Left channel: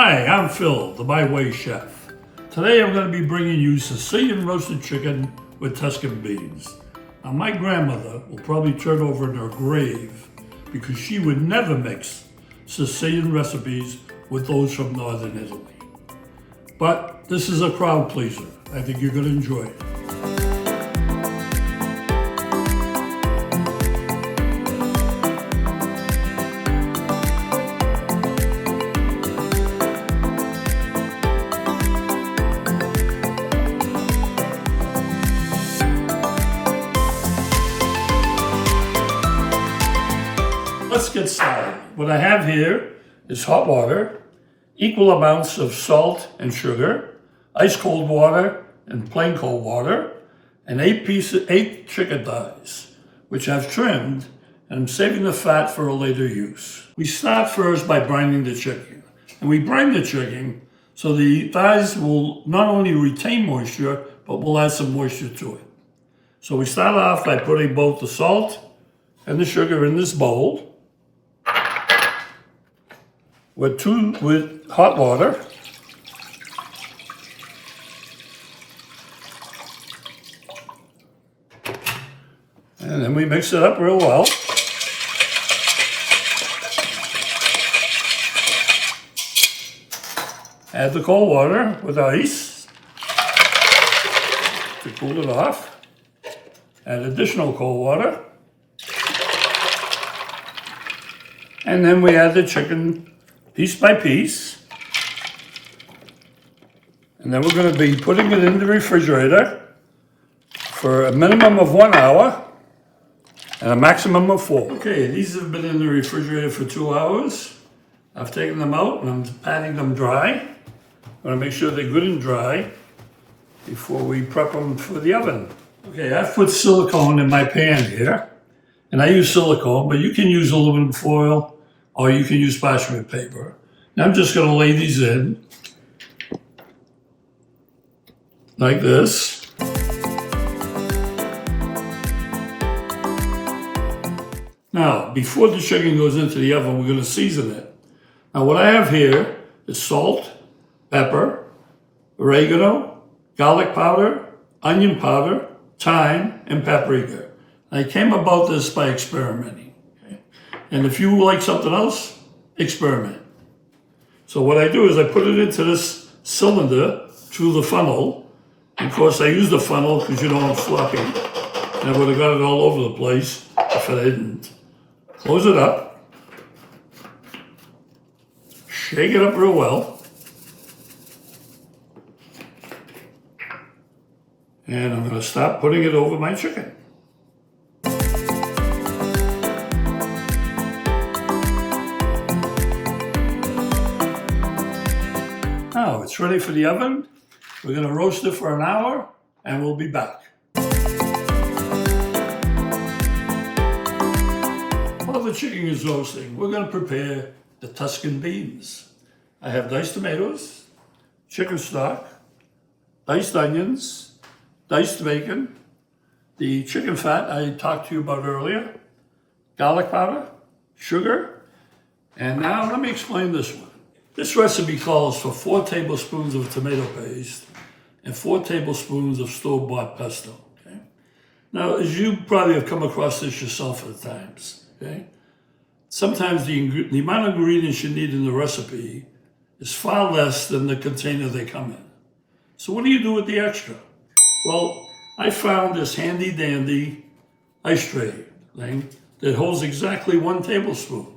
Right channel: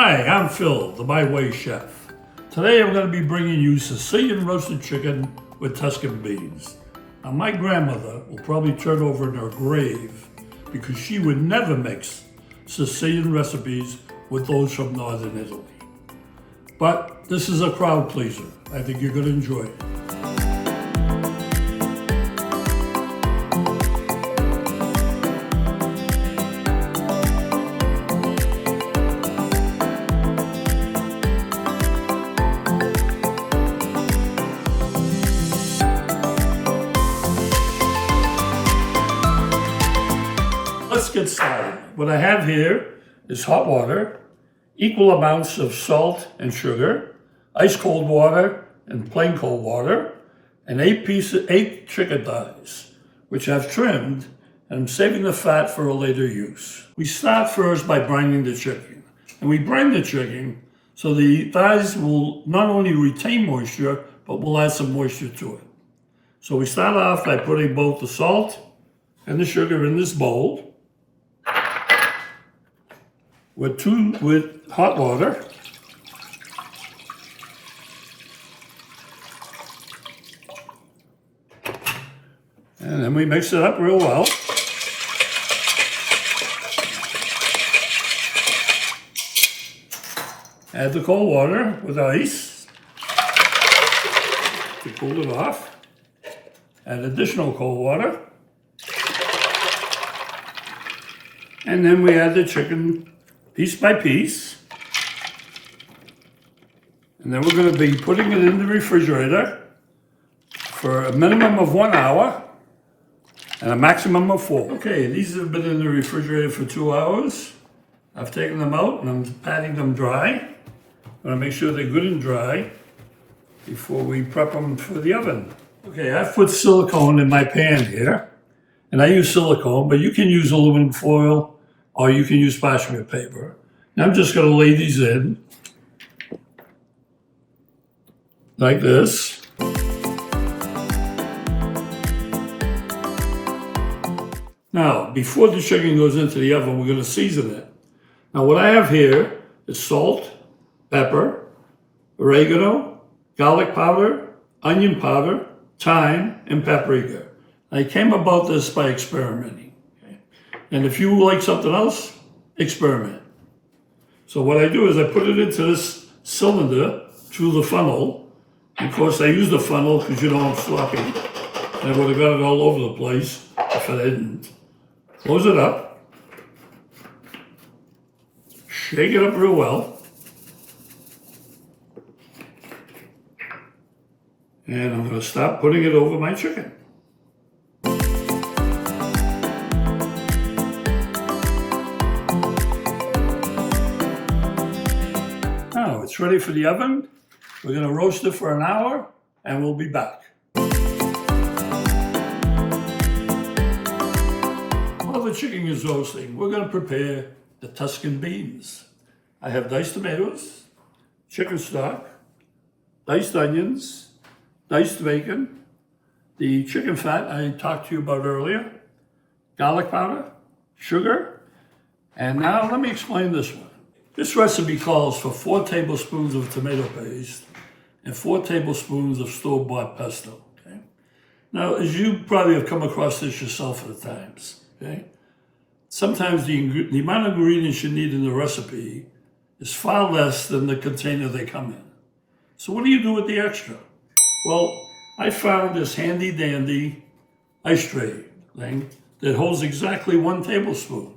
Hi, I'm Phil, the My Way chef. Today I'm going to be bringing you Sicilian roasted chicken with Tuscan beans. Now my grandmother will probably turn over in her grave because she would never mix Sicilian recipes with those from Northern Italy. But this is a crowd pleaser. I think you're going to enjoy it. Let's get started. What I have here is hot water, equal amounts of salt and sugar, ice cold water and plain cold water, and 8 chicken thighs, which I've trimmed, and I'm saving the fat for a later use. We start first by brining the chicken. And we brine the chicken so the thighs will not only retain moisture, but will add some moisture to it. So we start off by putting both the salt and the sugar in this bowl with hot water. And then we mix it up real well. Add the cold water with ice to cool it off. Add additional cold water. And then we add the chicken piece by piece. And then we're going to be putting it in the refrigerator for a minimum of 1 hour and a maximum of 4. Okay, these have been in the refrigerator for 2 hours. I've taken them out and I'm patting them dry. I want to make sure they're good and dry before we prep them for the oven. Okay, I've put silicone in my pan here, and I use silicone, but you can use aluminum foil or you can use parchment paper. Now I'm just going to lay these in like this. Now, before the chicken goes into the oven, we're going to season it. Now, what I have here is salt, pepper, oregano, garlic powder, onion powder, thyme, and paprika. I came about this by experimenting. Okay? And if you like something else, experiment. So what I do is I put it into this cylinder through the funnel. And of course, I use the funnel because you know I'm sloppy. And I would have got it all over the place if I didn't. Close it up. Shake it up real well. And I'm going to start putting it over my chicken. Now it's ready for the oven. We're going to roast it for an hour and we'll be back. While the chicken is roasting, we're going to prepare the Tuscan beans. I have diced tomatoes, chicken stock, diced onions, diced bacon, the chicken fat I talked to you about earlier, garlic powder, sugar, and now let me explain this one. This recipe calls for 4 tablespoons of tomato paste and 4 tablespoons of store-bought pesto. Okay? Now, as you probably have come across this yourself at times, okay? Sometimes the amount of ingredients you need in the recipe is far less than the container they come in. So what do you do with the extra? Well, I found this handy dandy ice tray thing that holds exactly 1 tablespoon.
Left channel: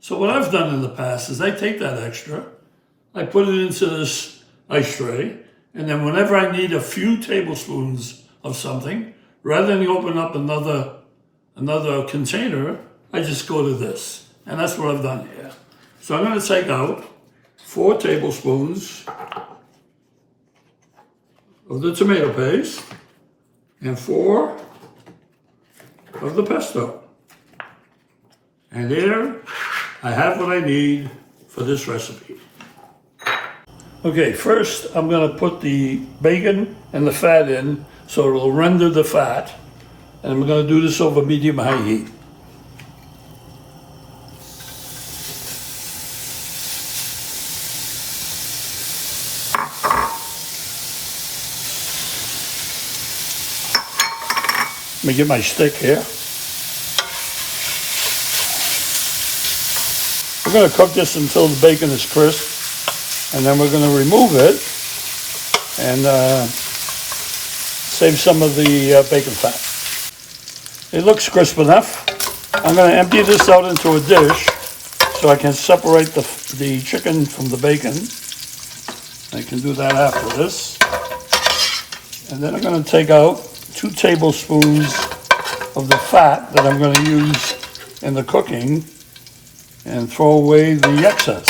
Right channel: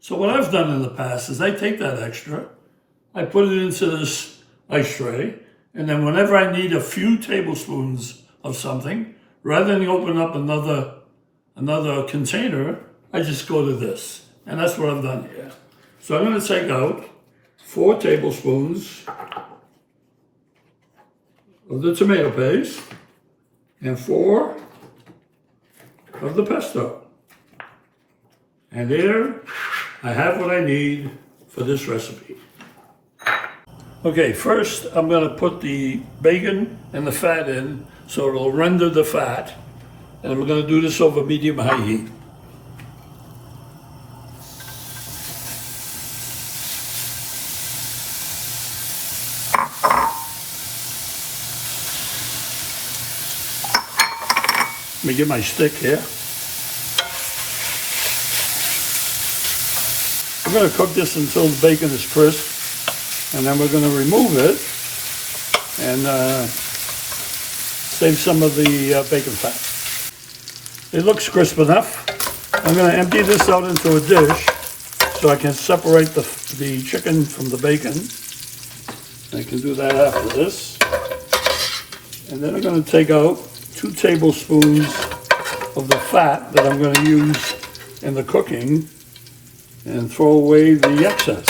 So what I've done in the past is I take that extra, I put it into this ice tray, and then whenever I need a few tablespoons of something, rather than open up another container, I just go to this. And that's what I've done here. So I'm going to take out 4 tablespoons of the tomato paste and 4 of the pesto. And there I have what I need for this recipe. Okay, first I'm going to put the bacon and the fat in so it will render the fat. And I'm going to do this over medium-high heat. Let me get my stick here. We're going to cook this until the bacon is crisp, and then we're going to remove it and save some of the bacon fat. It looks crisp enough. I'm going to empty this out into a dish so I can separate the chicken from the bacon. I can do that after this. And then I'm going to take out 2 tablespoons of the fat that I'm going to use in the cooking and throw away the excess.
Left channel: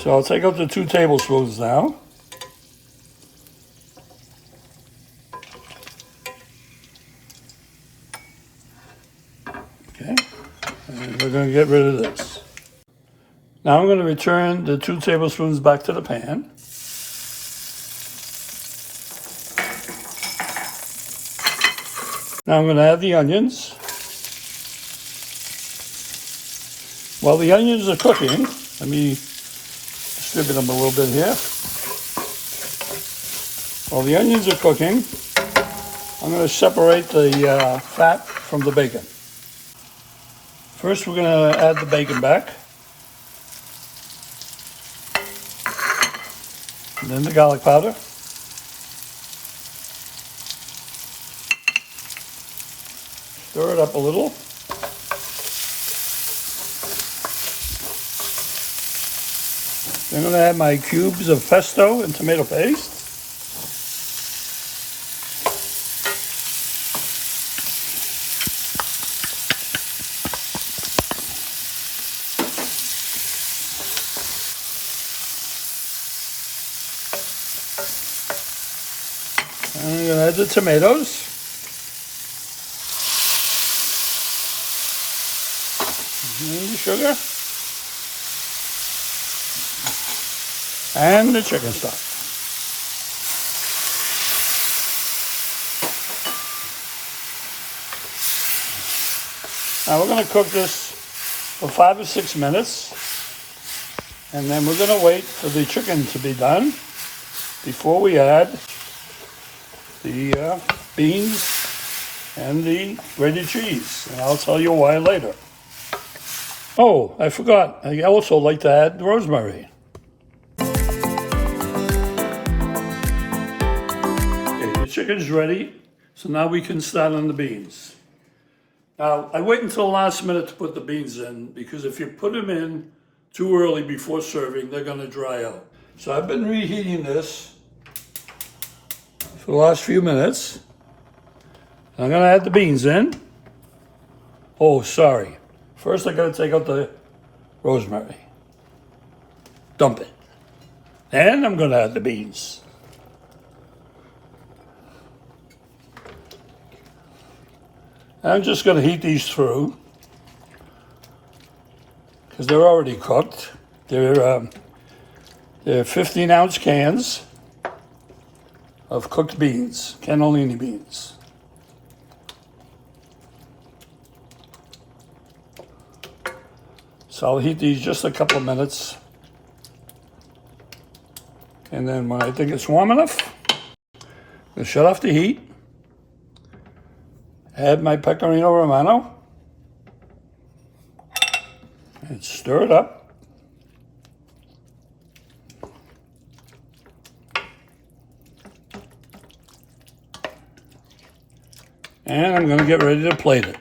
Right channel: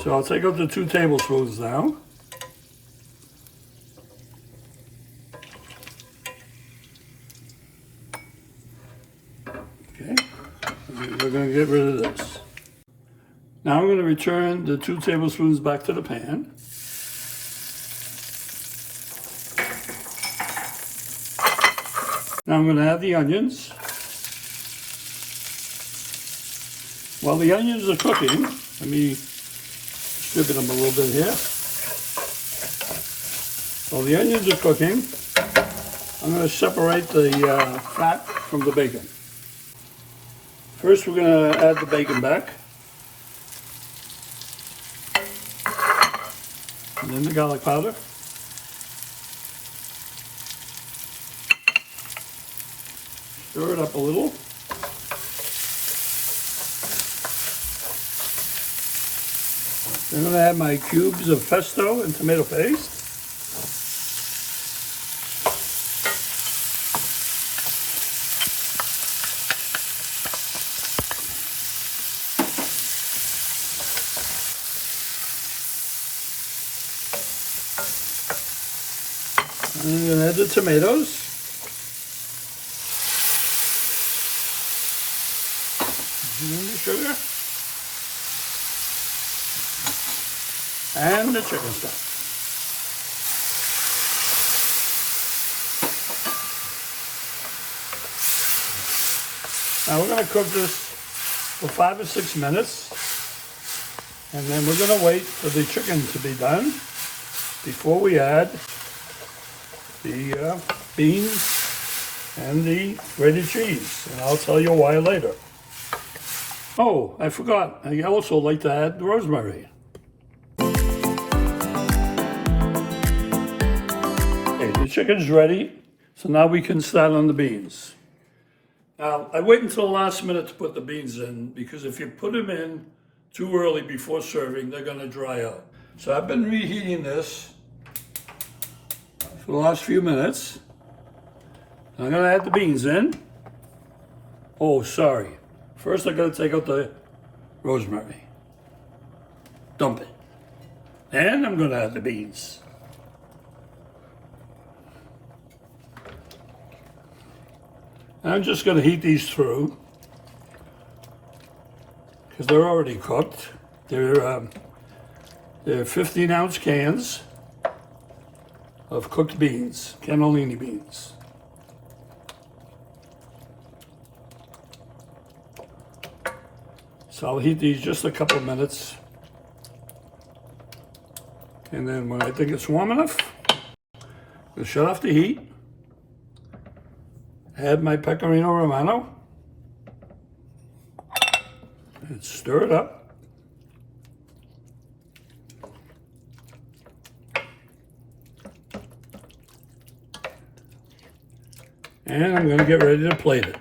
So I'll take out the 2 tablespoons now. Okay, and we're going to get rid of this. Now I'm going to return the 2 tablespoons back to the pan. Now I'm going to add the onions. While the onions are cooking, let me distribute them a little bit here. While the onions are cooking, I'm going to separate the fat from the bacon. First, we're going to add the bacon back. And then the garlic powder. Stir it up a little. I'm going to add my cubes of pesto and tomato paste. I'm going to add the tomatoes. And the sugar. And the chicken stock. Now we're going to cook this for 5 or 6 minutes, and then we're going to wait for the chicken to be done before we add the beans and the grated cheese. And I'll tell you why later. Oh, I forgot. I also like to add rosemary. The chicken's ready, so now we can start on the beans. Now, I wait until the last minute to put the beans in, because if you put them in too early before serving, they're going to dry out. So I've been reheating this for the last few minutes. I'm going to add the beans in. Oh, sorry. First, I got to take out the rosemary. Dump it. And I'm going to add the beans. I'm just going to heat these through because they're already cooked. They're 15-ounce cans of cooked beans, cannellini beans. So I'll heat these just a couple minutes, and then when I think it's warm enough, I'll shut off the heat. Add my pecorino romano and stir it up. And I'm going to get ready to plate it.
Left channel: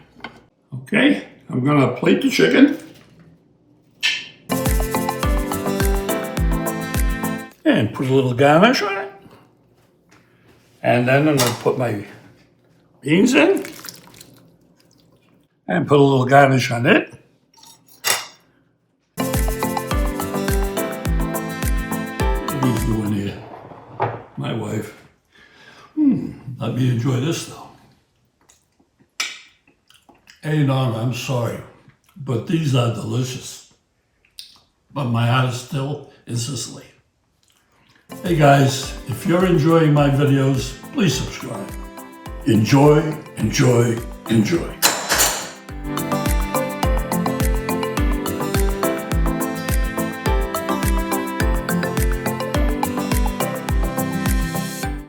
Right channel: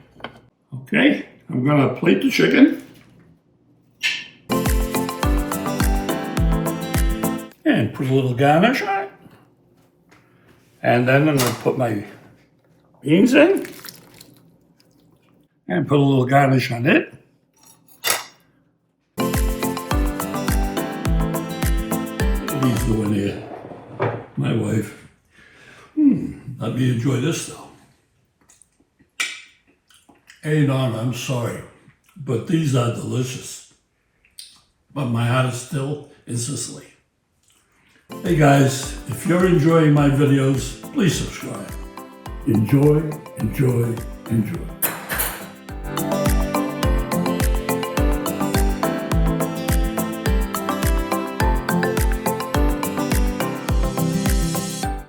Okay, I'm going to plate the chicken. And put a little garnish on it. And then I'm going to put my beans in. And put a little garnish on it. What are these doing here? My wife. Let me enjoy this though. Hey, Norma, I'm sorry, but these are delicious. But my heart is still in Sicily. Hey guys, if you're enjoying my videos, please subscribe. Enjoy, enjoy, enjoy.